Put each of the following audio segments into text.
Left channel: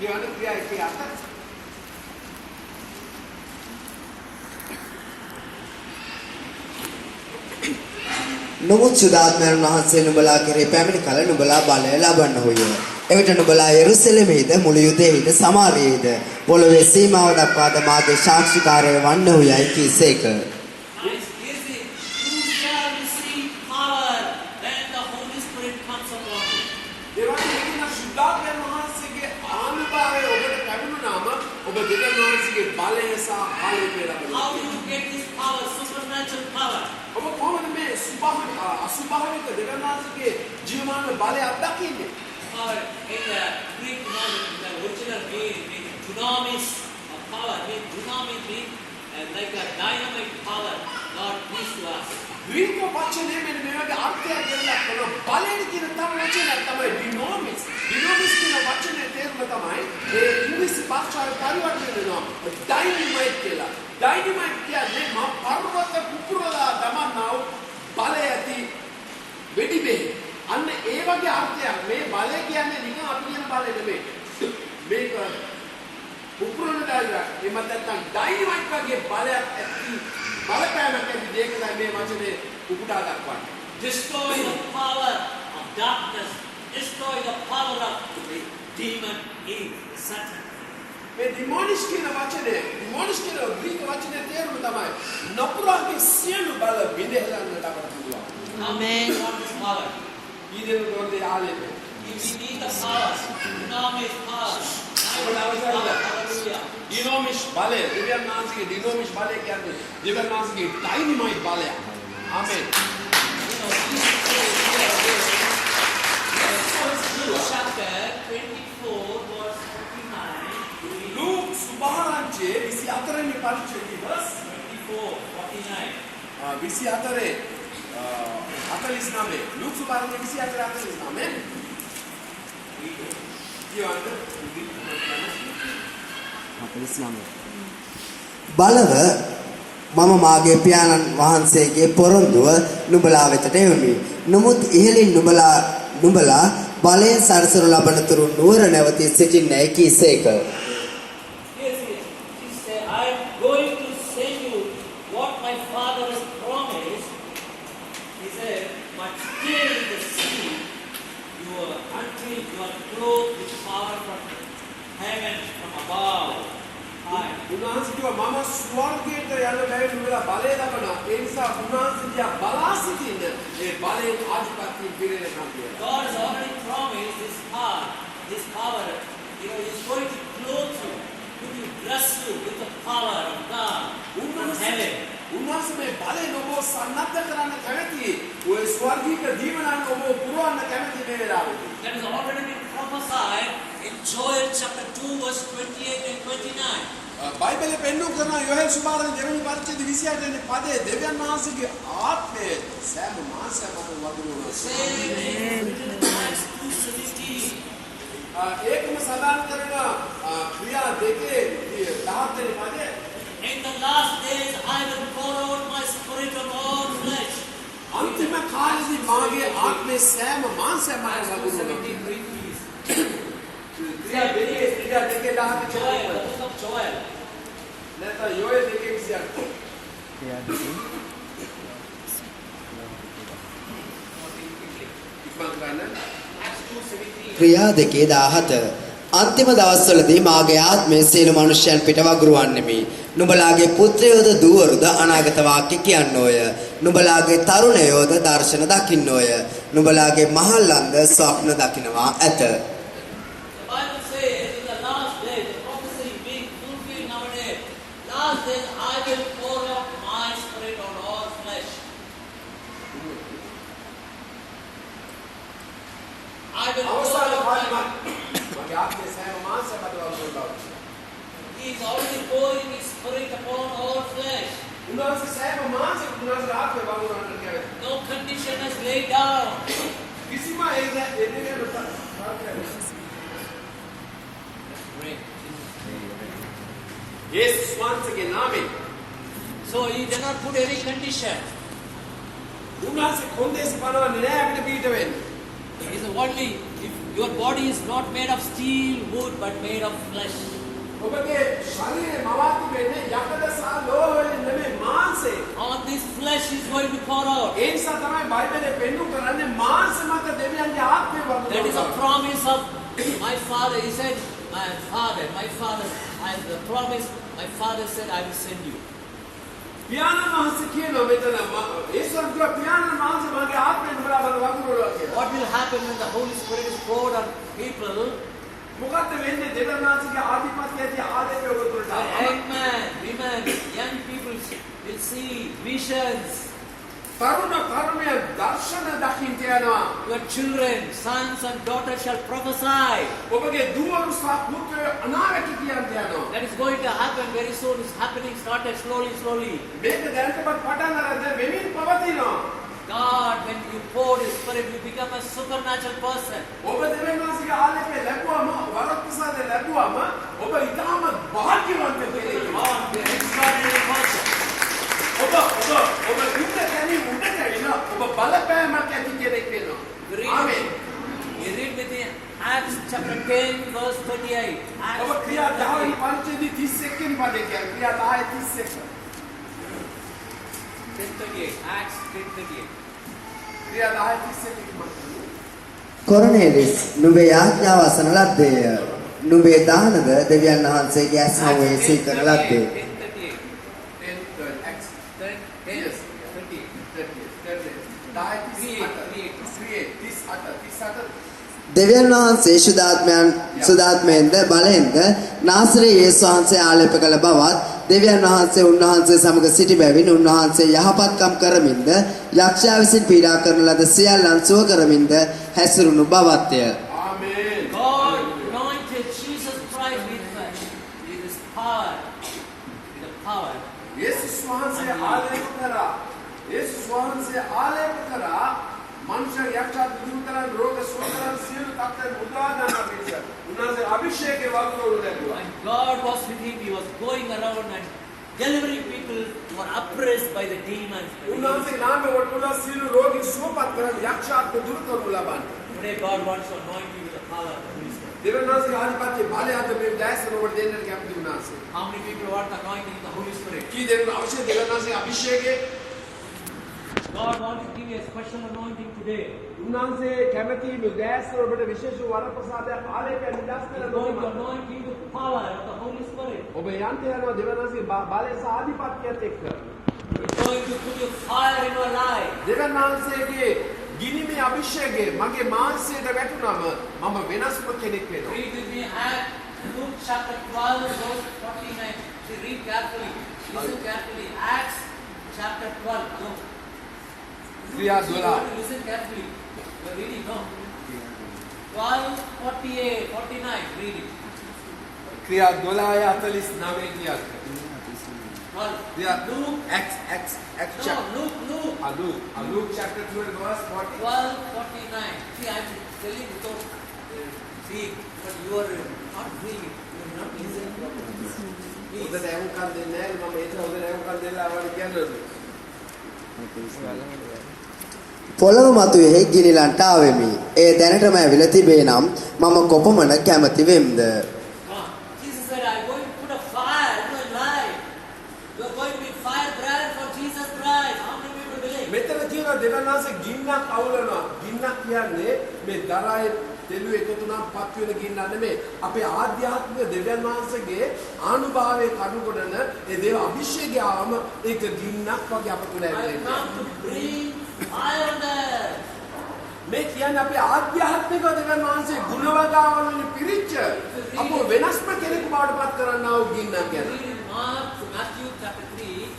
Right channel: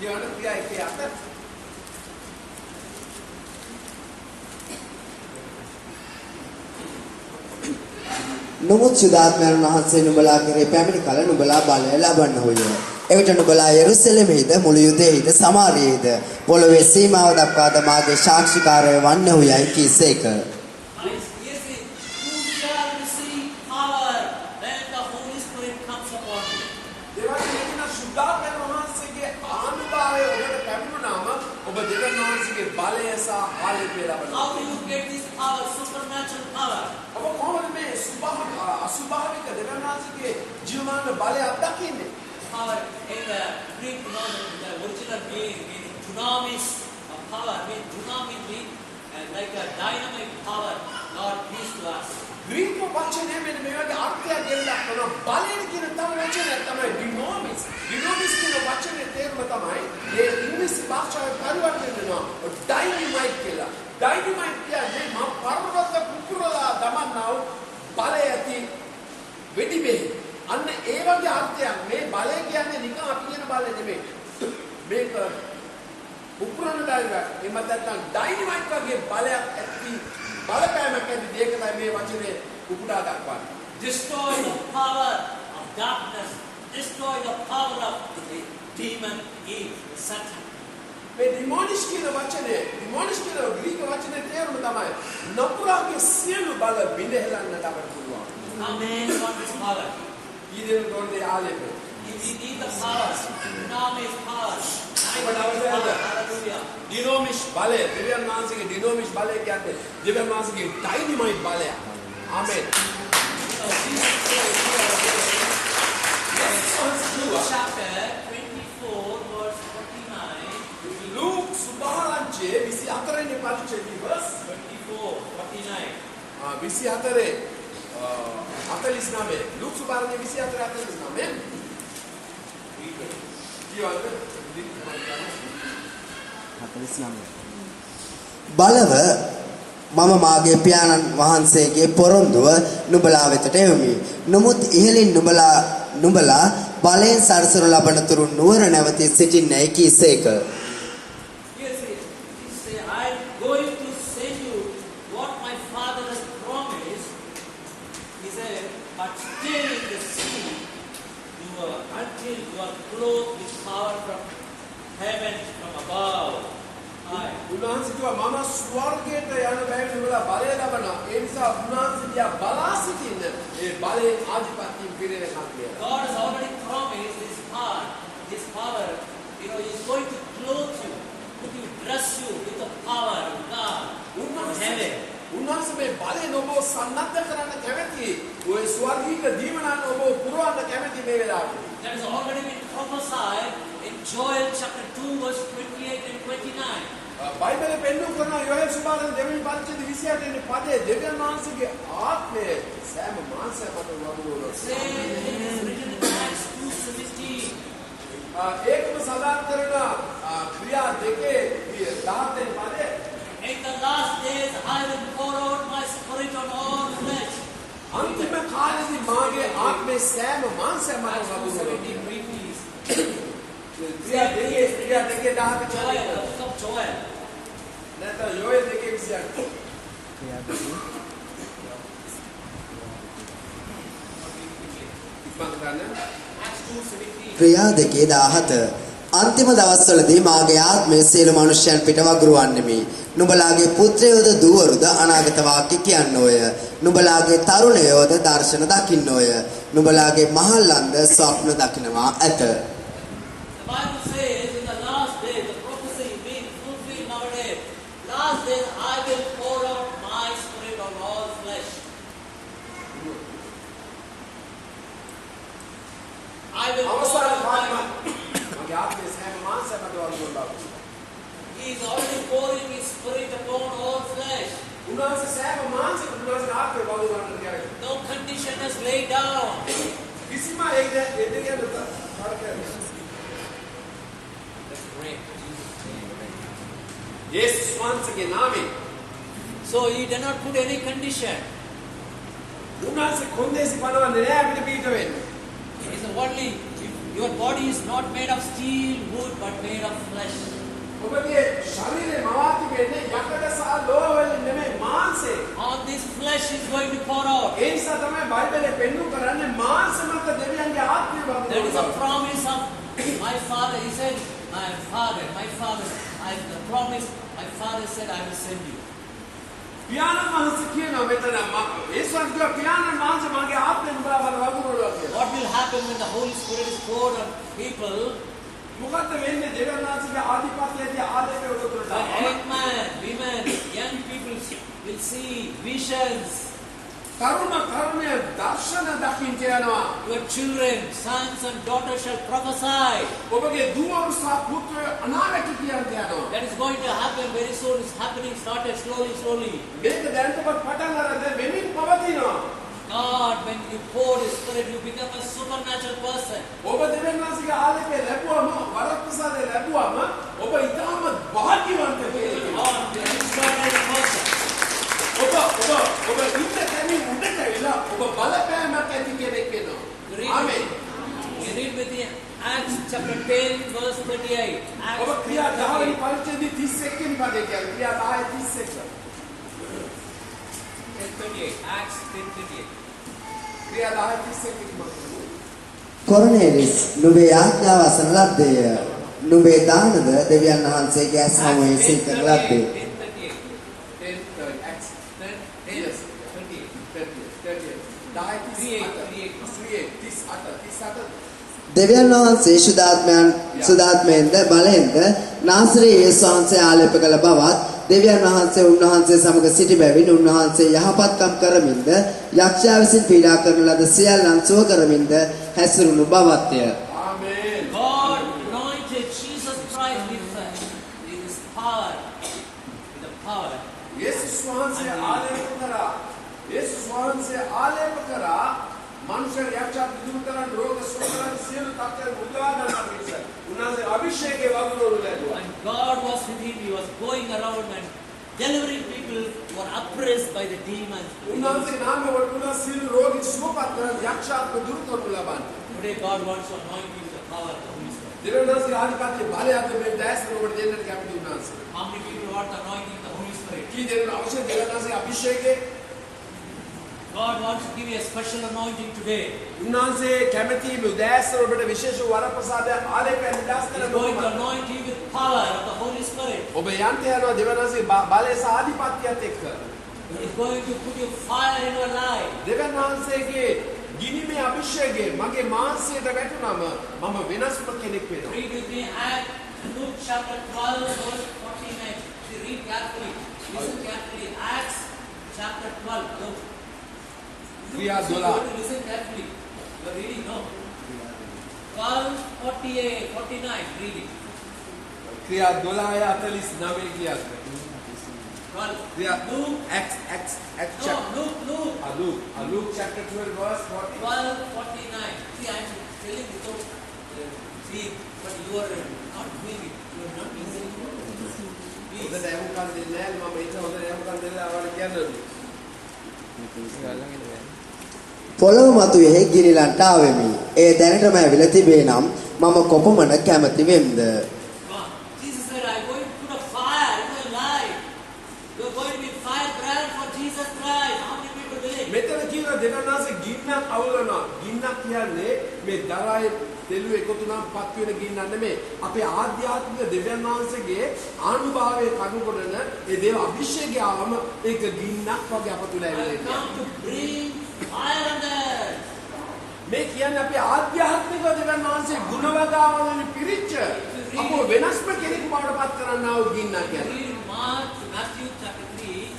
කියවන ක්‍රියා එකේ අත නමුත් සුදාත්මයන් වහන්සේ නුඹලා කෙරේ පැමිණි කල නුඹලා බලය ලබන්නහුය. එවිට නුඹලා යෙරුසලෙමෙහිද මුළු යුදෙහිද සමාරියේද පොළොවේ සීමාව දක්වාද මාගේ සාක්ෂිකාරය වන්නහුයයි කීසේක. බලය අත්දකින්නේ. In the Greek the original meaning dunamis power, dunamis means like a dynamic power, God gives to us. Greek වචනේ මෙන්න මේ වගේ අර්ථයක් දෙන්නක් තමයි බලය කියන තම වචනය තමයි dinamis. Dinamis කියන වචනේ තේරුම තමයි ඒ ඉංග්‍රීසි භාෂාවේ පරිවර්තනය වෙනවා dynamite කියලා. Dynamite කියන්නේ මා පර්වත කුකුරලා දමන්නා වූ බලය ඇති වෙඩි බෙහෙ. අන්න ඒ වගේ අර්ථයක් මේ බලය කියන්නේ නිකන් අපි කියන බලය නෙමෙයි. මේක උපුරන දායක එමත් නැත්නම් ඩයිනමයිට් වගේ බලයක් ඇති බලපෑමක් ඇති දෙයක තමයි මේ වචනේ උපුටා දක්වන්නේ. Destroy the power of darkness, destroy the power of the demon Eve, Satan. මේ demonish කියන වචනේ demonish කියන ග්‍රීක වචනේ තේරුම තමයි නපුරාගේ සියලු බල බිඳහෙලන්නට අපට පුළුවන්. Amen. Want this power. ඊදෙන රෝදේ ආලෙප. If we need the power, dunamis power. Hallelujah. Dinamis බලය දෙවියන් වහන්සේගේ dinamis බලය කියන්නේ දෙවියන් වහන්සේගේ ඩයිනමයිට් බලය. ආමෙන්. Chapter 24 verse 49. Luke සුභාරංචියේ 24 වෙනි පරිච්ඡේදයේ verse 24 49. 24 49 Luke සුභාරංචියේ 24 49 බලව මම මාගේ පියාණන් වහන්සේගේ පොරොන්දුව නුඹලා වෙතට එවමි. නමුත් ඉහළින් නුඹලා බලයෙන් සරසනු ලබන තුරු නුවර නැවතී සිටින්නේ කීසේක. ස්වර්ගයට යන බැවින් නුඹලා බලය ලබනවා. ඒ නිසා උන්වහන්සේ දිහා බලා සිටින්න ඒ බලයෙන් ආධිපත්‍යයෙන් පිරෙනවා කියලා. God has already promised His power. His power, is going to clothe you, to dress you with the power of God from heaven. උන්වහන්සේ මේ බලයෙන් ඔබ සන්නද්ධ කරන්න කැමැති. ඔය ස්වර්ගීය දීවනන් ඔබ පුරවන්න කැමැති මේ වෙලාවේ. That has already been prophesied in Joel chapter 2 verse 28 and 29. බයිබලයේ පෙන්වු කරන යෝහෙල් සුභාරංචි දෙවෙනි පරිච්ඡේදයේ 28 වෙනි පදයේ දෙවියන් වහන්සේගේ ආත්මය සෑම මාසයකම වගුරු වෙනවා. ඒකම සඳහන් කරන ක්‍රියා දෙකේ 17 වෙනි පදයේ In the last days I will pour out my spirit on all flesh. අන්තිම කාලෙදී මාගේ ආත්මය සෑම මාසයකම වගුරු වෙනවා. ක්‍රියා දෙකේ 17 Joel. නැත්නම් යෝහෙල් දෙකේ 28. ක්‍රියා දෙකේ 17 අන්තිම දවස්වලදී මාගේ ආත්මය සියලු මනුෂ්‍යයන් පිට වගුරුවන්නෙමි. නුඹලාගේ පුත්‍රයෝද දුවරුද අනාගත වාක්‍ය කියන්නෝය. නුඹලාගේ තරුණයෝද දර්ශන දකින්නෝය. නුඹලාගේ මහල්ලන්ද ස්වප්න දකින්නවා ඇත. He is already pouring His Spirit upon all flesh. No condition has laid down. So He did not put any condition. He is only, Your body is not made of steel, wood, but made of flesh. ඔබගේ ශරීරේ මවාති වෙන්නේ යකඩ සහ ලෝහ වලින් නෙමෙයි මාංශේ. All this flesh is going to pour out. ඒ නිසා තමයි බයිබලයේ පෙන්වු කරන්නේ මාංශ මත දෙවියන්ගේ ආත්මය That is a වදිනවා. promise of my father. He said, my father, the promise, my father said, I will send you. පියාණන් වහන්සේ කියනවා මෙතන ඒසන් දුව පියාණන් වහන්සේ මගේ ආත්මය නුඹලා බල වඳුරනවා කියලා. What will happen when the Holy Spirit is poured on people? මොකද්ද වෙන්නේ දෙවියන් වහන්සේගේ ආධිපත්‍යයේදී ආදරය ඔබතුලට? Young men, women, young people will see visions. තරුණ තරුණියන් දර්ශන දකින්න යනවා. Your children, sons and daughters shall prophesy. ඔබගේ දුවරු සහ පුත්‍රයෝ අනාගත කියන්න යනවා. That is going to happen very soon. It's happening, started slowly. මේක දැනටමත් පටන් අරන් දැන් වෙමින් පවතිනවා. God, when you pour His Spirit, you become a supernatural person. ඔබ දෙවියන් වහන්සේගේ ආලේපය ලැබුවම වරප්‍රසාදය ලැබුවම ඔබ ඉතාමත් භාග්‍යවන්ත කෙනෙක් වෙනවා. God, you are an extraordinary person. ඔබ යුද්ධ තැනින් උඩට එනවා. ඔබ බලපෑමක් ඇති කෙනෙක් වෙනවා. ආමේන්. You read with me Acts chapter 10, verse 38. Acts ඔබ ක්‍රියා 10 වෙනි පරිච්ඡේදයේ 31 වෙනි පදේ කියන්නේ ක්‍රියා 10:31. 10:38. Acts 10:38. ක්‍රියා 10:31 මත. කොර්නේලිස් නුඹේ ආඥාව අසන ලද්දේය. නුඹේ දානද දෙවියන් වහන්සේගේ ඇස්හමුවේ සිල් කරන ලද්දේ. 10:38. Acts 10:38. 38. දෙවියන් වහන්සේ සුදාත්මයෙන්ද බලෙන්ද නාසරේ යේසු වහන්සේ ආලේප කළ බවත් දෙවියන් වහන්සේ උන්වහන්සේ සමග සිටි බැවින් උන්වහන්සේ යහපත්කම් කරමින්ද යක්ෂයා විසින් පීඩා කරන ලද සියල්ලන් සුව කරමින්ද හැසිරුණු බවත්ය. ආමේන්. God anointed Jesus Christ with His power. With the power. යේසුස් වහන්සේ ආලේප කරා. යේසුස් වහන්සේ ආලේප කරා මනුෂ්‍ය යක්ෂයා දුරු කරන් රෝග සුව කරන් සියලු තත්ත්වයන් උදවා ගන්න පිණිස. උන්වහන්සේ අභිෂේකයේ වගුරුවරු දැක්වුවා. And God was with him. He was going around and delivering people who were oppressed by the demons. උන්වහන්සේ නාමයේ වටුණා සියලු රෝගී සුවපත් කරන් යක්ෂයාත්ම දුරු කරනු ලබන්නේ. Today God wants to anoint you with the power of the Holy Spirit. දෙවියන් වහන්සේ ආධිපත්‍ය බලයත් මේ දැස්තර ඔබට දෙන්නට කැමති උන්වහන්සේ. How many people want the anointing of the Holy Spirit? කී දෙනෙක් අවශ්‍ය දෙවියන් වහන්සේ අභිෂේකයේ God wants to give you a special anointing today. උන්වහන්සේ කැමති මේ දැස්තර ඔබට විශේෂ වරප්‍රසාදයක් ආලේපයෙන් නිදාස් He's කරන going to බව. anoint you with power of the Holy Spirit. ඔබ යන්ත යනවා දෙවියන් වහන්සේ බලය සහ ආධිපත්‍යයත් එක්ක. He's going to put your fire in your life. දෙවියන් වහන්සේගේ ගිනිමේ අභිෂේකය මගේ මාංශයට වැටුනම මම වෙනස්ම කෙනෙක් වෙනවා. Read with me Acts, Luke chapter 12, verse 49. Read carefully. Listen carefully. Acts chapter 12. Luke. ක්‍රියා 12. Listen carefully. You are reading, no? 12, 48, 49. Read it. ක්‍රියා 12:49 කියා. 12. ක්‍රියා Luke. Acts No, Luke. Luke chapter 12 verse 40. 12, 49. See, I'm telling without seeing, but you are not doing it. You are not listening. හොඳ Please. දැනුම්කම් දෙන්නේ නැහැ මම ඒක හොඳ දැනුම්කම් දෙලා අවල් කියන්නේ. පොළොව මතුවේ ගිනිලන්ට ආවෙමි. ඒ දැනටම ඇවිල්ලා තිබේ නම් මම කොපමණ කැමති වෙම්ද? Jesus said, I'm going to put a fire in your life. You are going to be fire brand for Jesus Christ. How many people believe? මෙතන කියනවා දෙවියන් වහන්සේ ගින්නක් අවුලනවා. ගින්නක් කියන්නේ මේ දරායේ තෙලු එකතු නම් පත් වෙන ගින්නක් නෙමෙයි. අපේ ආධ්‍යාත්මික දෙවියන් වහන්සේගේ ආනුභාවයේ කණු කොටන ඒ දේව අභිෂේකය ආවම ඒක ගින්නක් වගේ අප තුල I ඇවිල්ලා come to bring fire on that. මේ කියන්නේ අපේ ආධ්‍යාත්මික දෙවියන් වහන්සේ ගුණවගාවලින් පිරිච්ච අපව වෙනස්ම කෙනෙකු බවට පත් කරන්නා වූ ගින්නක් කියන්නේ. Read Matthew chapter 3.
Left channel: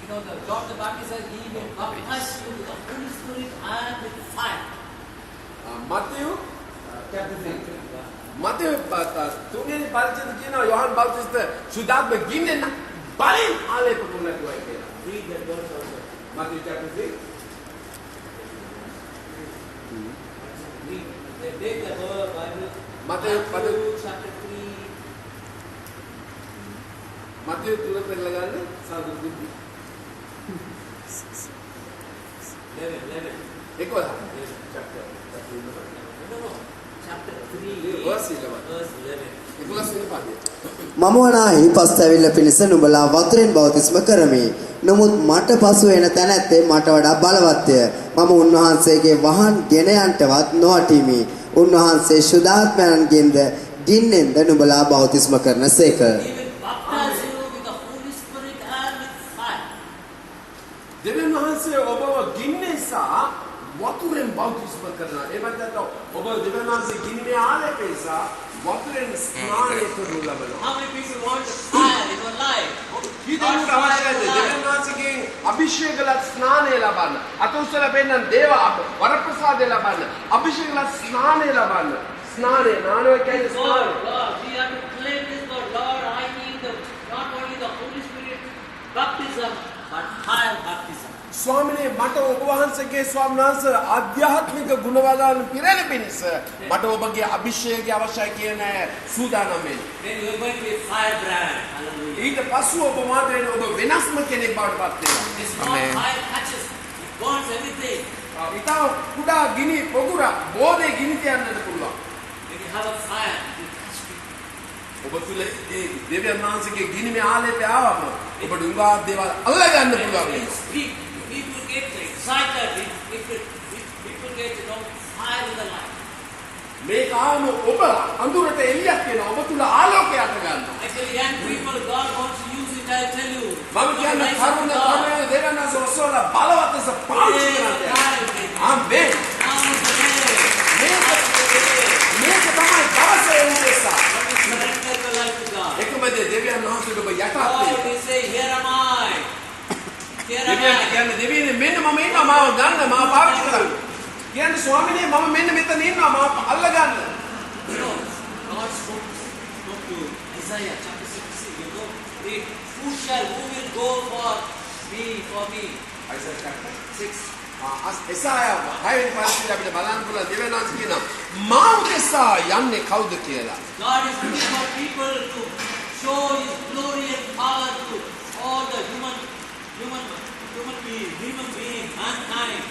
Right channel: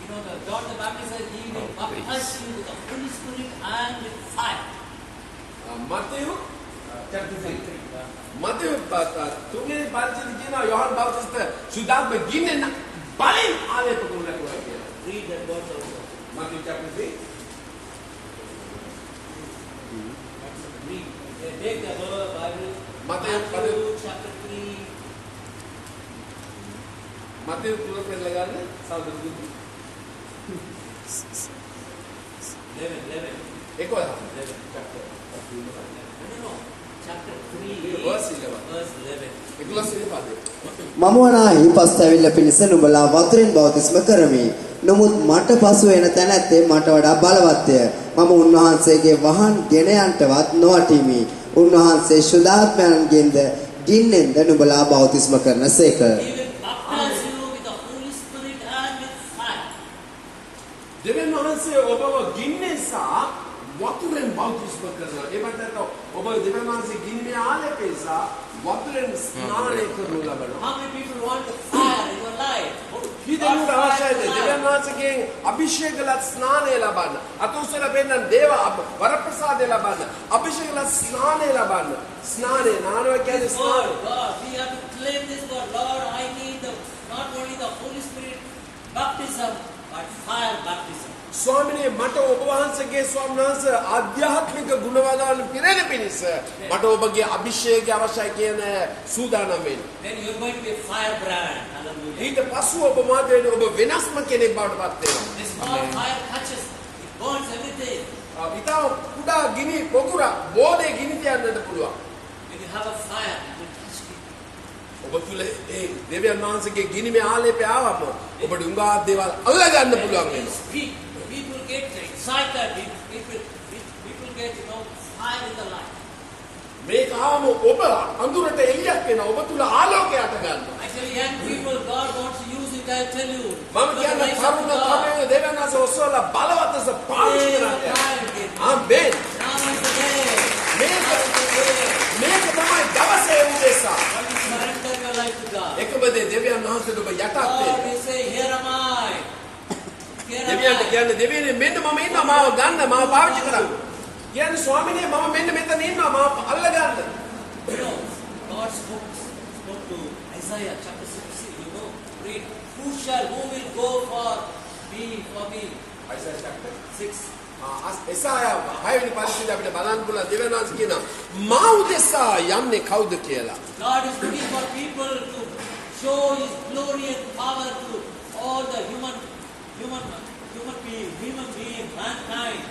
You know, the John the Baptist says, He will baptize you with the Holy Spirit and with fire. Matthew chapter 3. Matthew තුන්වෙනි පරිච්ඡේදයේ කියනවා යෝහන් බෞතිස්ත සුදාත්ම ගින්නෙන් බලෙන් ආලේප කරනවා කියලා. Read that God's word. Matthew chapter 3. Read. They make the whole Bible. Matthew chapter 3. Matthew 3 පෙරලා ගන්න සාදුදුති. 11. 11 chapter. No. Chapter 3, Verse 11. verse 11. 11 වෙනි පදය. මම වනාහි පස්තැවිල්ල පිණිස නුඹලා වතුරෙන් බෞතිස්ම කරමි. නමුත් මට පසු එන තැනැත්තේ මට වඩා බලවත්ය. මම උන්වහන්සේගේ වහන් ගෙන යන්ටවත් නොවටිමි. උන්වහන්සේ ශුද්ධාත්මයන්ගෙන්ද ගින්නෙන්ද නුඹලා බෞතිස්ම කරනසේක. He will baptize you with the Holy Spirit and with fire. දෙවියන් වහන්සේ ඔබව ගින්නේ සහ වතුරෙන් බෞතිස්ම කරනවා. ඒ වගේම ඔබ දෙවියන් වහන්සේ ගින්නේ ආලේපේ සහ වතුරෙන් ස්නානය කරනු ලබනවා. How many people want the fire in your life? කීදෙනෙකුට අවශ්‍යද දෙවියන් වහන්සේගෙන් අභිෂේකලත් ස්නානය ලබන්න. අතොස්සල පෙන්නන දේව වරප්‍රසාදය ලබන්න. අභිෂේකලත් ස්නානය ලබන්න. ස්නානය නානව කියන්නේ ස්නානය. God, we have to claim this God. Lord, I need not only the Holy Spirit baptism, but fire baptism. ස්වාමිනේ මට ඔබ වහන්සේගේ ස්වාමීන් වහන්සේ ආධ්‍යාත්මික ගුණවදන් පිරෙන පිණිස මට ඔබගේ අභිෂේකය අවශ්‍යයි කියන සූදානම් වෙන්න. Then you are going to be a firebrand. Hallelujah. ඊට පස්ව ඔබ මාතේන ඔබ වෙනස්ම කෙනෙක් බවට පත් වෙනවා. This small fire catches, it burns everything. ඊට කුඩා ගිනි පොකුර බෝලේ ගිනි තියන්නට පුළුවන්. When you have a fire, it will catch people. ඔබ තුල ඒ දෙවියන් වහන්සේගේ ගිනිමේ ආලේපය ආවම ඔබට උඟා දේවල් අල්ලා ගන්න පුළුවන් When you වෙනවා. speak, people get excited. People get, fire in the light. මේක ආවම ඔබ අඳුරට එළියක් වෙනවා. ඔබ තුල ආලෝකයක් අත ගන්නවා. Actually, young people, God wants to use it, I tell you. මම කියන්නේ කරුණ කරුණ දෙවියන් වහන්සේ ඔසවල බලවත් ලෙස පාවිච්චි කරනවා. ආමේන්. මේක තමයි දවසේ උදෙසා. Surrender your life to God. එකම දේ දෙවියන් වහන්සේට ඔබ යටත් God වෙන්න. is saying, here am I. Here am දෙවියන්ට I. කියන්නේ දෙවියනේ මෙන්න මම ඉන්නවා මාව ගන්න මාව පාවිච්චි කරන්න. කියන්නේ ස්වාමිනේ මම මෙන්න මෙතන ඉන්නවා මාව අල්ල ගන්න. You know, God spoke to Isaiah chapter 66. You know, read, who will go for me? Isaiah chapter 6. එසායා 6 වෙනි පරිච්ඡේදය අපිට බලන්න පුළුවන් දෙවියන් වහන්සේ කියනවා මා උදෙසා යන්නේ කවුද කියලා. God is looking for people to show His glory and power to all the human being, mankind.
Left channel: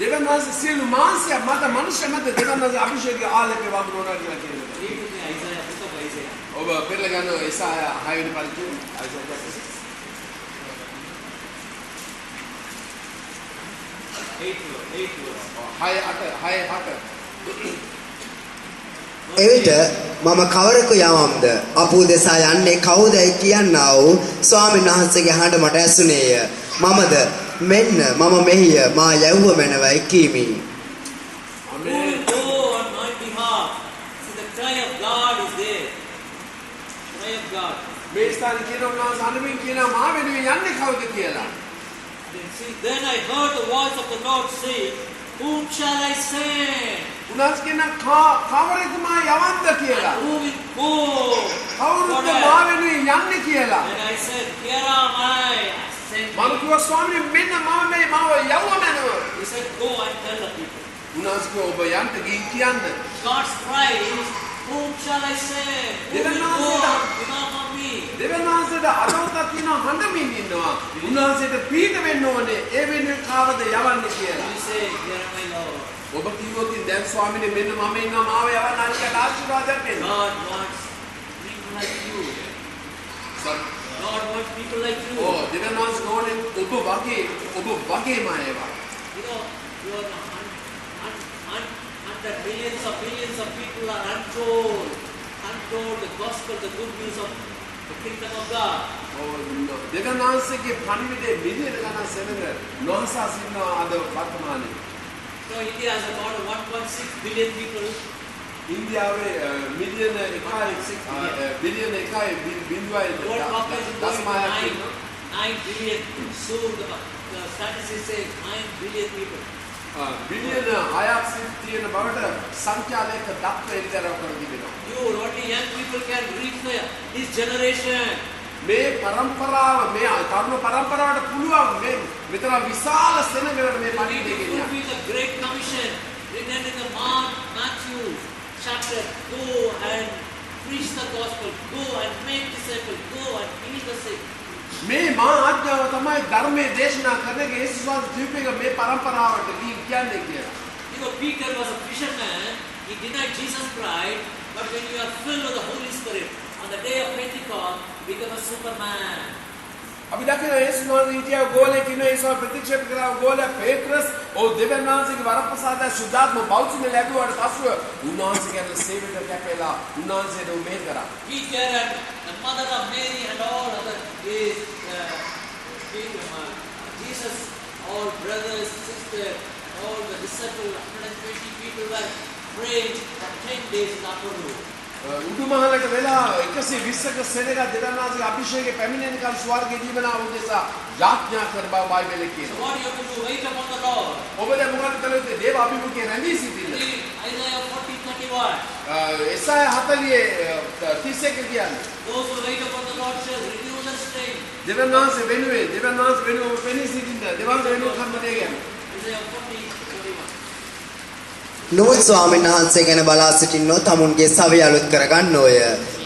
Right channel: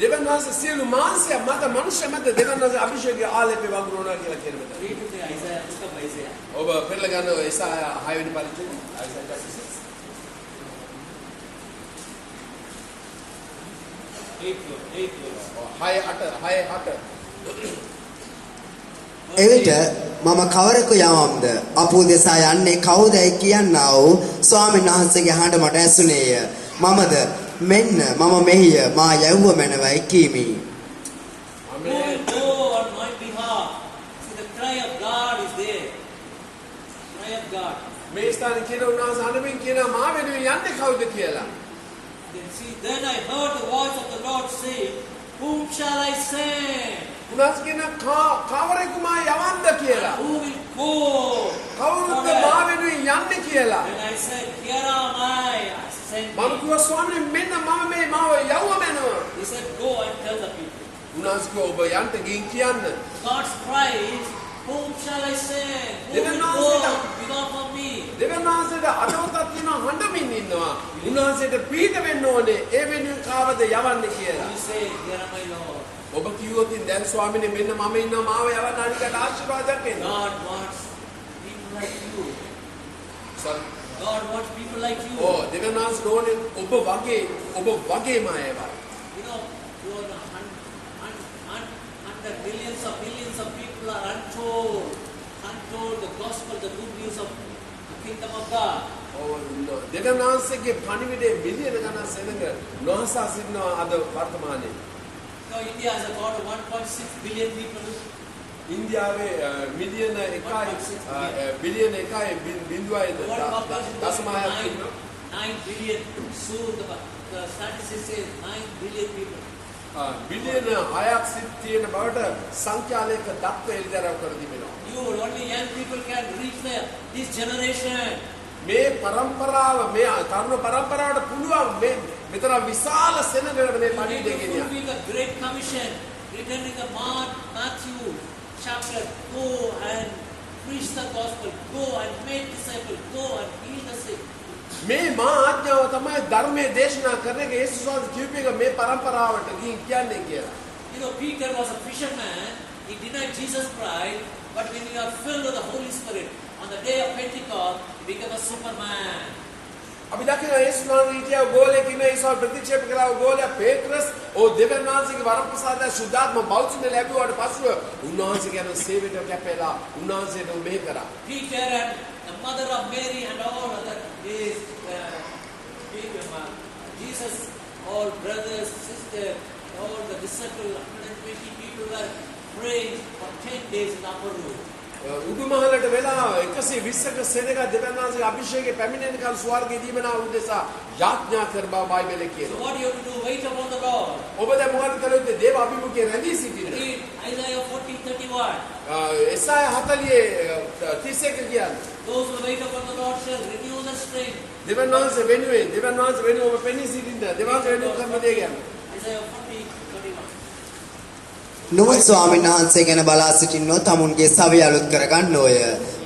දෙවියන් වහන්සේ සියලු මාංශය මත මනුෂ්‍ය මත දෙවියන් වහන්සේ අභිෂේකයේ ආලේපය වගුරුවනවා කියලා කියනවා. Read with me Isaiah, book of Isaiah. ඔබ පෙරලා ගන්නවා එසායා 6 වෙනි පරිච්ඡේදය Isaiah chapter 6. 8 verse. 6 එවිට මම කවරෙකු යවම්ද අප උදෙසා යන්නේ කවුදයි කියන්නා වූ ස්වාමීන් වහන්සේගේ හඬ මට ඇසුනේය. මමද මෙන්න මම මෙහිය මා යැව්ව මැනවයි කීමි. Who will go on my behalf? So the cry of God is there. Cry of God. මේ ස්ථානේ කියන උන්වහන්සේ අනමින් කියනවා මා වෙනුවෙන් යන්නේ කවුද කියලා. Then I heard the voice of the Lord say, whom shall I send? උන්වහන්සේ කියනවා කවරෙකු මා යවන්නද කියලා. Who will go? කවුරුද මා වෙනුවෙන් යන්නේ කියලා. Then I said, here am I. Send මම me. කිව්වා ස්වාමීන් මෙන්න මම මේ මාව යවුව මැනව. He said, go and tell the people. උන්වහන්සේ කිව්වා ඔබ යන්න ගින් කියන්න. God's cry is, whom shall I send? Who will go without of me? දෙවියන් වහන්සේට අරමුණක් තියෙනවා හඬමින් ඉන්නවා. උන්වහන්සේට පීඩ වෙන්න ඕනේ. ඒ වෙනුවෙන් කාවද යවන්නේ කියලා. You say, here am I, Lord. ඔබ කිව්වොත් දැන් ස්වාමීන් මෙන්න මම ඉන්නවා මාව යවන්න අනිකට ආශිර්වාදයක් වෙන්න. God wants people like you. God wants people like you. ඕ දෙවියන් වහන්සේ ඕනේ ඔබ වගේම අයව. You know, you are the billions of people are untold the gospel, the good news of the kingdom of God. දෙවියන් වහන්සේගේ පණිවිඩයේ මිලියන ගණන් සෙනඟ නොහසා සිටිනවා අද වර්තමානයේ. So India has about 1.6 billion people. ඉන්දියාවේ මිලියන 1.6 බිලියන 1.0 World population දශමයක් going තියෙනවා. to 9 billion. Soon the statistics say 9 billion people. බිලියන 6ක් තියෙන බවට සංඛ්‍යාලයක දක්ව එළිදරව් කර තිබෙනවා. You, only young people can reach this generation. මේ පරම්පරාව මේ තරුණ පරම්පරාවට පුළුවන් මේ මෙතන විශාල සෙනඟකට මේ You need පණිවිඩය to ගෙනියන්න. fulfill the Great Commission written in the Matthew chapter. Go and preach the gospel. Go and make disciples. Go and heal the sick. මේ මා ආඥාව තමයි ධර්මයේ දේශනා කරන එක යේසුස් වහන්සේ දීපේක මේ පරම්පරාවට ගිහින් කියන්නේ කියලා. You know, Peter was a fisherman. He denied Jesus Christ. But when you are filled with the Holy Spirit, on the day of Pentecost, you become a Superman. අපි දකිනවා යේසුස් වහන්සේ හිටියා ගෝලෙක් ඉන්න ඒසාව ප්‍රතික්ෂේප කළා ගෝලයා පේත්‍රස් ඔව් දෙවියන් වහන්සේගේ වරප්‍රසාදය සුද්ධාත්ම බෞද්ධම ලැබුවාට පසුව උන්වහන්සේ ගැන සේවයට කැපෙලා උන්වහන්සේට මෙහෙ කරා. Peter and the mother of Mary and all other is Jesus, all brothers, sisters, all the disciples, 120 people were praying for 10 days in the upper room. උඩුමහලට වෙලා 120ක සෙනඟ දෙවියන් වහන්සේගේ අභිෂේකය පැමිණෙනකල් ස්වර්ගයේ දීමනා උදෙසා යාඥා කර බව බයිබලයේ So කියනවා. what you have to do? Wait upon the Lord. ඔබ දැන් මොකද කළ යුත්තේ? දේව අභිමුඛයේ රැඳී සිටින්න. Read Isaiah 40:31. එසාය 40:31 කියන්නේ Those who wait upon the Lord shall renew their strength. දෙවියන් වහන්සේ වෙනුවෙන් ඔබ පෙනී සිටින්න. දෙවියන් වහන්සේ වෙනුවෙන් කර්ම දෙය කියන්නේ. Isaiah 40:31. නුවන් ස්වාමීන් වහන්සේ ගැන බලා සිටින්නෝ තමුන්ගේ සවිය අලුත් කරගන්නෝය.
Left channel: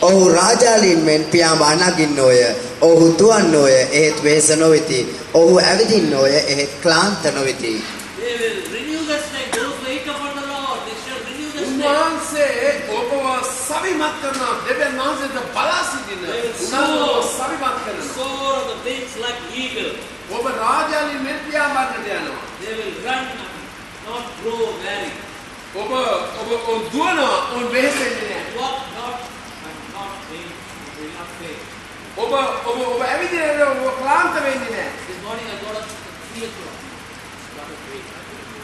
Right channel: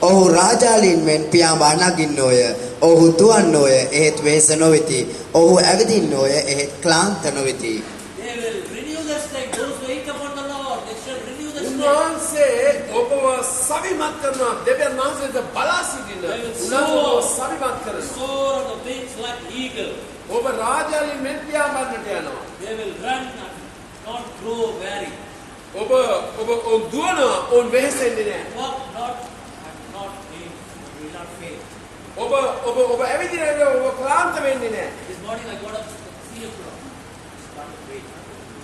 ඔහු රාජාලීන් මෙන් පියාඹා නගින්නෝය. ඔහු දුවන්නෝය එහෙත් වෙහෙස නොවෙති. ඔහු ඇවිදින්නෝය එහෙත් ක්ලාන්ත නොවෙති. They will renew their strength. Those who wait upon the Lord, they shall renew their strength. උන්වහන්සේ ඔබව සවිමත් කරනවා. දෙවියන් වහන්සේට බලා සිටින්න. They will උන්වහන්සේ ඔබව සවිමත් කරනවා. soar on the wings like eagle. ඔබ රාජාලීන් මෙන් පියාඹන්නට යනවා. They will run and not grow weary. ඔබ දුවනවා ඔවුන් වෙහෙසෙන්නේ නැහැ. Walk not and not faint. Will not faint. ඔබ ඇවිදිනවා ඔබ ක්ලාන්ත වෙන්නේ නැහැ. This morning I got up at 3 o'clock. Started praying.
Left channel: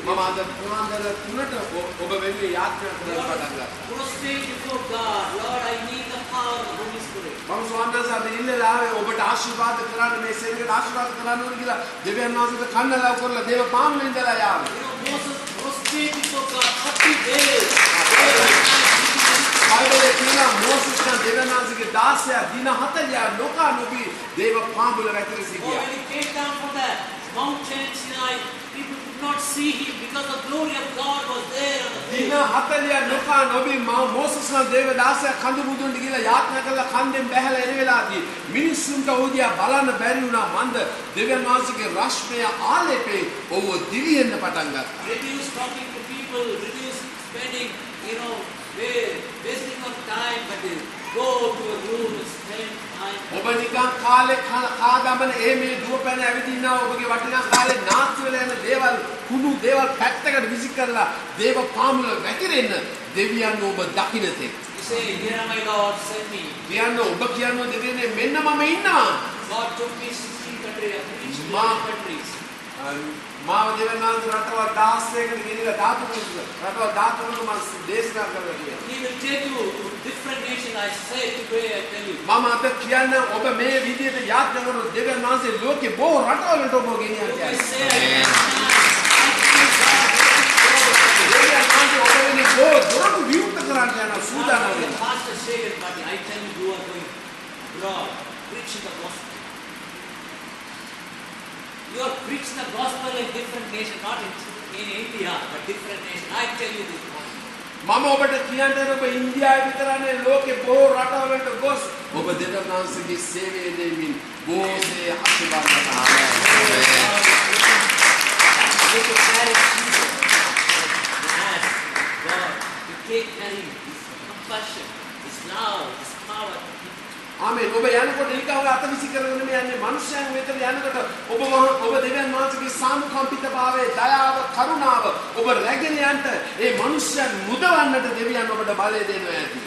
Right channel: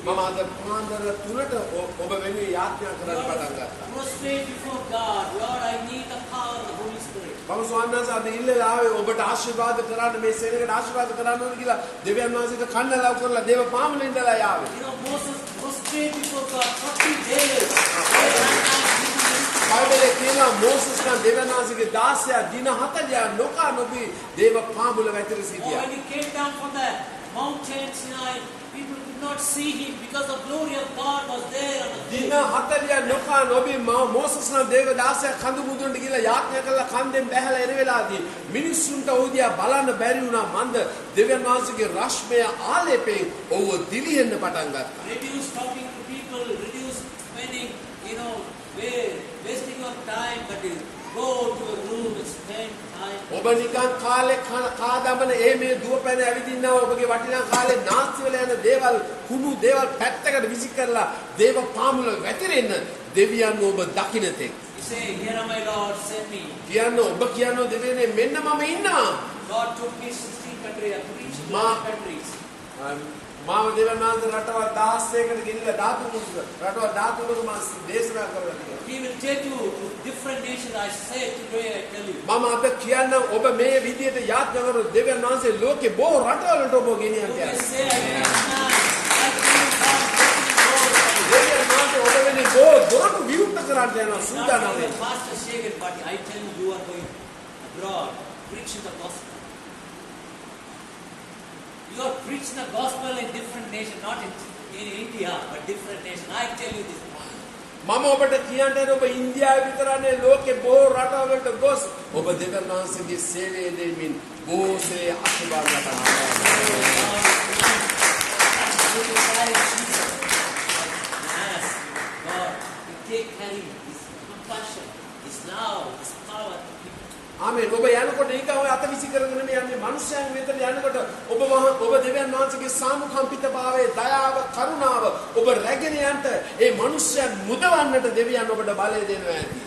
මම අද පුරාන්දර 3ට ඔබ වෙනුවෙන් යාඥා කරන්න පටන් ගත්තා. Prostrate before God. Lord, I need the power of the Holy Spirit. මම ස්වාමීන් වහන්සේ අද ඉල්ලලා ආවේ ඔබට ආශිර්වාද කරන්න මේ සේවකට ආශිර්වාද කරන්න ඕන කියලා දෙවියන් වහන්සේට කන්නලව් කරලා දේව පාමුලෙන් ඉඳලා යාවේ. You know, Moses prostrate before God 30 days. බයිබලයේ කියනවා මෝසස් කන් දෙවියන් වහන්සේගේ 16 දින 40 නොකා නොබී දේව පාමුල වැතර Or සිටියා. when he came down from the mountain Sinai, people could not see him because the glory of God was there on the දින hill. 40 නොකා නොබී මෝසස් කන් දේව 16 කඳු මුදුන්ට ගිහලා යාඥා කළා කන්දෙන් බැහැලා එන වෙලාවදී මිනිස්සුන්ට උදියා බලන්න බැරි වුණා මන්ද දෙවියන් වහන්සේගේ රශ්මිය ආලේපේ ඔව්ව දිලිහෙන්න පටන් ගත්තා. Reduce talking to people, reduce spending, wasting of time, but go to a room and spend time. ඔබ නිකන් කාලේ කාදමන මේ දුවපැන ඇවිදිනවා ඔබගේ වටිනා කාලේ නාස්ති වෙලා යන දේවල් කුණු දේවල් පැත්තකට විසි කරලා දේව පාමුල වැතිරෙන්න දෙවියන් ඔබ දකින්න තෙක්. You say, here am I, Lord, send me. කියන්න ඔබ කියන්න දෙවියනේ මෙන්න මම ඉන්නවා. God took me 16 countries, I preached in Ma- 11 countries. මාව දෙවියන් වහන්සේ රටවල් 16කට ගෙනිලා රටවල් 13කට මම දේශනා කරලා කියනවා. He will take you to different nations. I say today, I tell you. මම අද කියන්න ඔබ මේ විදියට යාත්‍රා කරන දෙවියන් වහන්සේ ලෝකේ බොහෝ රටවලට ඔබ ගෙනියන්න I යනවා. say, I feel God දෙවියන් වහන්සේ ඔබ වෙන්නේ බොහෝ දොරටු විවෘත කරන්න යනවා සූදානම් the වෙන්න. pastor shaken party. I tell you, you are going abroad, preaching the gospel. You are preaching the gospel in different nations, not in India, but different nations. I tell you this morning. මම ඔබට කියන්න ඔබ ඉන්දියාවේ විතරනේ ලෝකේ බොහෝ රටවලට ගොස් ඔබ දෙවියන් වහන්සේගේ සේවය දෙමින් බොහෝසේ ආශිර්වාද ලබනවා. You to carry Jesus. Yes, God, you take carrying His compassion, His love, His power. ආමේන්. ඔබ යනකොට ඊකව අත විසි කරගෙන යන්නේ මනුෂ්‍යයන් වෙතට යනකොට ඔබ දෙවියන් වහන්සේගේ සානුකම්පිතභාවය, දයාව, කරුණාව ඔබ රැගෙන යන්න ඒ මනුෂ්‍යයන් මුදවන්නට දෙවියන් ඔබට බලය දෙනවා ඇති.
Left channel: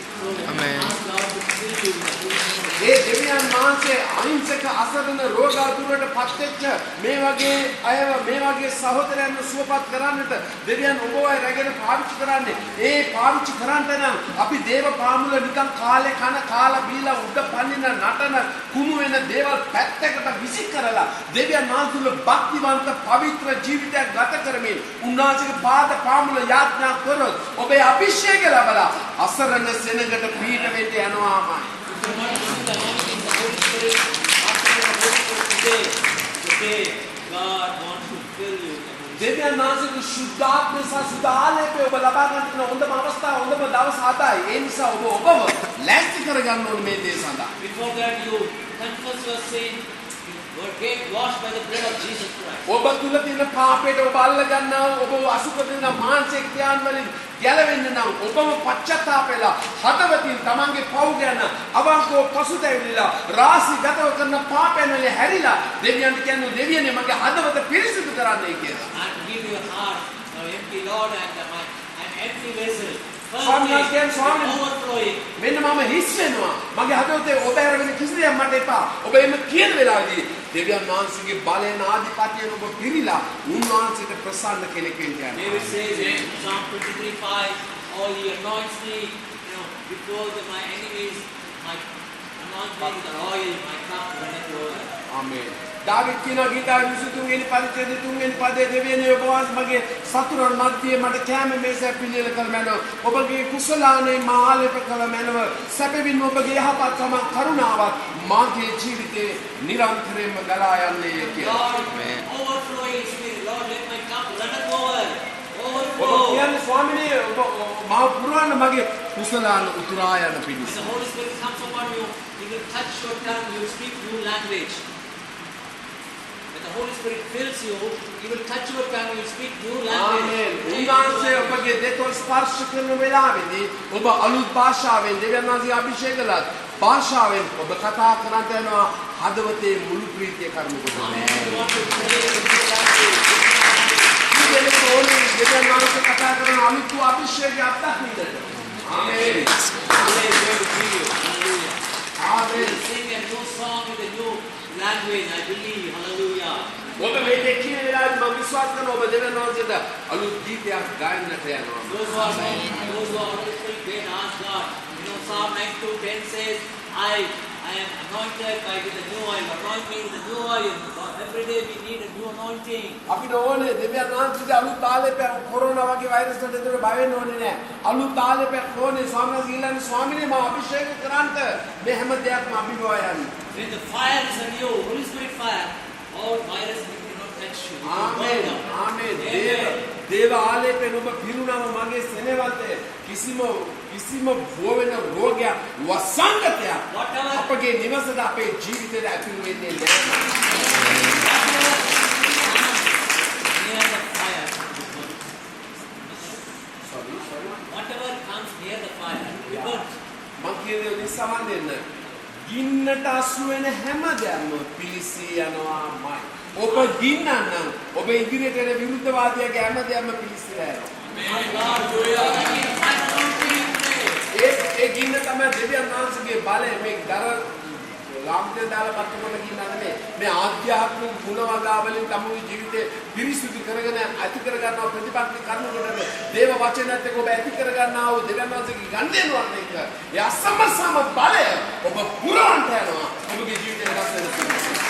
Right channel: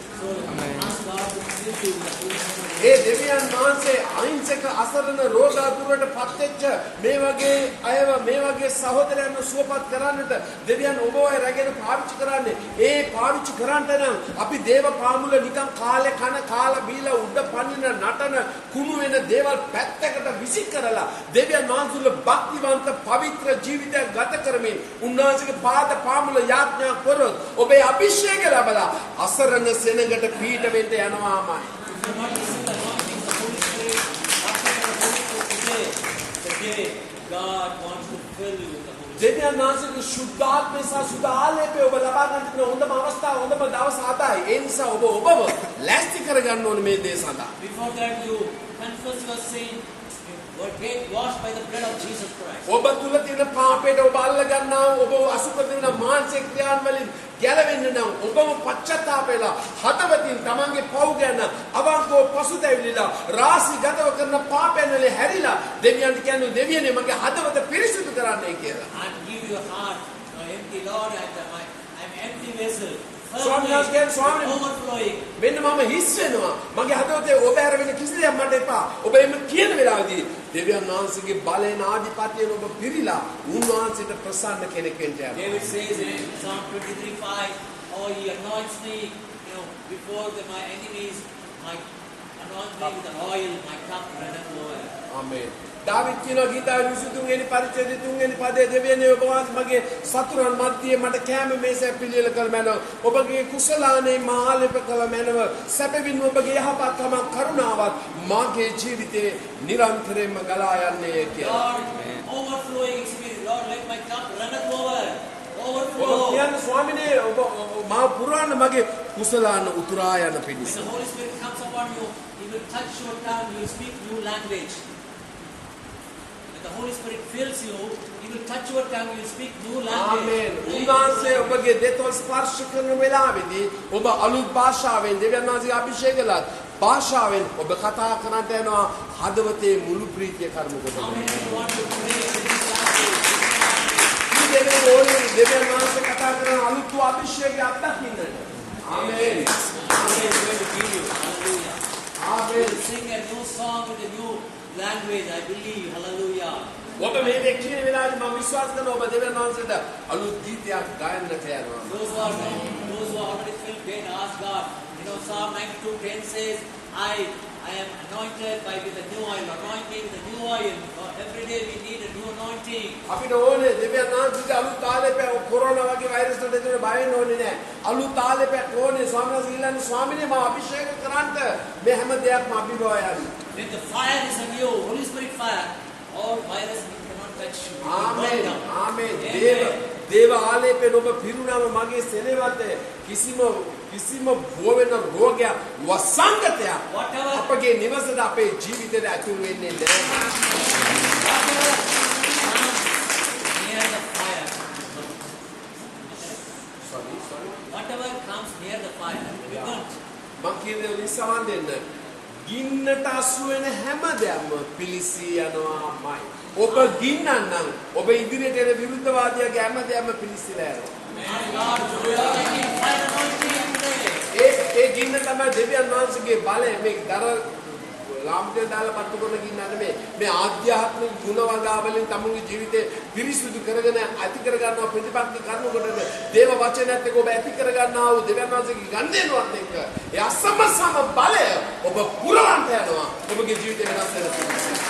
Amen. Ask God to fill you with the Holy Spirit. ඒ දෙවියන් වහන්සේ අහිංසක අසරණ රෝගාතුරට පත්වෙච්ච මේ වගේ සහෝදරයන්ව සුවපත් කරන්නට දෙවියන් ඔබ ඔය රැගෙන පාවිච්චි කරන්නේ. ඒ පාවිච්චි කරන්නට නම් අපි දේව පාමුල නිකන් කාලේ කන කාලා බීලා උඩ පනින නටන කුණු වෙන දේවල් පැත්තකට විසි කරලා දෙවියන් වහන්සේගේ භක්තිවන්ත පවිත්‍ර ජීවිතයක් ගත කරමින් උන්වහන්සේගේ පාද පාමුල යාඥා කරොත් ඔබේ අභිෂේකය ලැබලා අසරණ සෙනඟට පීඩ වෙන්න යනවාමයි. If you want to see the anointing of the Holy Spirit, after the Holy Spirit today, God wants to fill you with the Holy Spirit. දෙවියන් වහන්සේගේ ශුද්ධාත්මය සහ සුද්ධ ආලේපය ඔබ ලබා ගන්න තියෙන හොඳම අවස්ථාව හොඳම දවස් 7යි. ඒ නිසා ඔබව ලෑස්ති කරගන්න ඕනේ මේ දේ සඳහා. Before that, you confess your sin, you were get washed by the blood of Jesus Christ. ඔබ තුල තියෙන පාපයට ඔබ අල්ල ගන්නා ඔබ අසුකරන මානසික ක්‍රියාන් වලින් ගැලවෙන්න නම් ඔබම පශ්චාත්තාප වෙලා හදවතින් තමන්ගේ පව් ගැන අවංකව පසුතැවිලිලා රාශිගතව කරන පාපයන් වල හැරිලා දෙවියන්ට කියන්නේ දෙවියනේ මගේ හදවත පිරිසිදු කරන්නයි කියලා. And give your heart, empty Lord, and an empty vessel. Swami has given Swami. Overflowing. මෙන්න මම හිස් වෙනවා. මගේ හදවතේ ඔබ හැර වෙන කිසි දෙයක් මට එපා. ඔබ එimhe කියන වෙලාවදී දෙවියන් වහන්සේගේ බලයෙන් ආධිපත්‍යයෙන් ඔබ පිරීලා උන්වහන්සේට ප්‍රසන්න කෙනෙක් වෙන්න යනවා. David says in Psalm 23:5, "Oh, he anoints me, before my enemies, my anoint me with the oil, my cup runneth over." ආමේන්. දාවිද් කියන ගීතාවේ 23 වෙනි පරිච්ඡේදයේ 3 වෙනි පදයේ දෙවියනේ ඔබ වහන්සේ මගේ සතුරන් මැදියේ මට කැම මේසය පිළියෙල කළ මැනව. ඔබගේ කුසලානේ මාලෙප කළ මැනව. සැපවින් ඔබගේ යහපත්කම කරුණාවත් මාගේ ජීවිතේ නිරන්තරයෙන්ම ගලා යන්නේ කියලා. Lord, overflowing spirit, Lord, let my cup runneth over. ඔබ Overflow. කියන්නේ ස්වාමිනේ ඔබ මාව පුරවන්න මගේ කුසලාන උතුරා යන When පිණිස. the Holy Spirit comes upon you, He will touch your tongue, you will speak new language. When the Holy Spirit fills you, He will touch your tongue, you will speak new language. ආමේන්. උන්වහන්සේ ඔබගේ දෙත ස්පර්ශ කරන වෙලාවේදී ඔබ අලුත් භාෂාවෙන් දෙවියන් වහන්සේ අභිෂේක කළා. භාෂාවෙන් ඔබ කතා කරන්නට යනවා හදවතේ මුළු ප්‍රීතිය කර්ම කොට. Amen. You want to pray in new language. දෙවියන් ඕනේ දෙවියන් වහන්සේ කතා කරන අලුත් අභිෂේකය අත්දකින්නට. ආමේන්. Today is going to give you. Hallelujah. You ආමේන්. will sing a new song with a new language, I believe. Hallelujah. ඔබ මේ දෙකින වෙලාවේ මම විශ්වාස කරනවා ඔබ දෙවියන් වහන්සේට අලුත් ගීතයක් ගායනට යනවා. Those who are already filled, they ask God. Psalm 92:10 says, I am anointed by with the new oil. Anoint me with the new oil. Every day we need a new anointing. අපිට ඕනේ දෙවියන් වහන්සේගේ අලුත් තාලෙපය corona වගේ virus වලට දෙන්න බය වෙන්න ඕනේ නෑ. අලුත් තාලෙපයක් ඕනේ ස්වාමීන් වහන්සේ ඊළඟ ස්වාමීනේ මම අභිෂේක කරන්ට මේ හැම දෙයක්ම අභිභව යන්නේ. When the fire is on you, Holy Spirit fire, all virus cannot touch you. ආමේන්. ආමේන්. දේව ආලේපෙන් ඔබ පිරුණාම මගේ සෙනෙවල්තේ කිසිම බෝ වෙන රෝගයක් වසංගතයක් Whatever. අපගේ නිවසට අපේ ජීවිතයට ඇතුල් වෙන්නේ නෑ. Whatever comes near the fire, we burnt. මං කියන්නේ නිසාවන් දෙන්න. ගින්නට අසු වෙන හැම දෙයක්ම පිලිසී යනවාමයි. ඔබ ගින්නනම් ඔබ ඉදිරියට එන විරුද්ධවාදියාගේ හැම දෙයක්ම පිලිසිලා යනවා. ඒ ගින්න තමයි දෙවියන් වහන්සේගේ බලය මේ දර ලාම්පේ දාලා පත්තු කරන ගින්න නෙමෙයි. මේ ආධ්‍යාත්මික ගුණ වගාවලින් තමගේ ජීවිතේ පිරිසිදු කරගෙන ඇති කරගන්නා ප්‍රතිපත්ති කරුණකට දේව වචනයත් එක්ක ඔබ ඇති කරගන්නා වූ දෙවියන් වහන්සේගේ ගන්ධයන්වත් එක්ක ඒ අසමසම බලය ඔබ පුරවන්ට යනවා. ඔබගේ ජීවිතේ වෙනස් වෙනවා.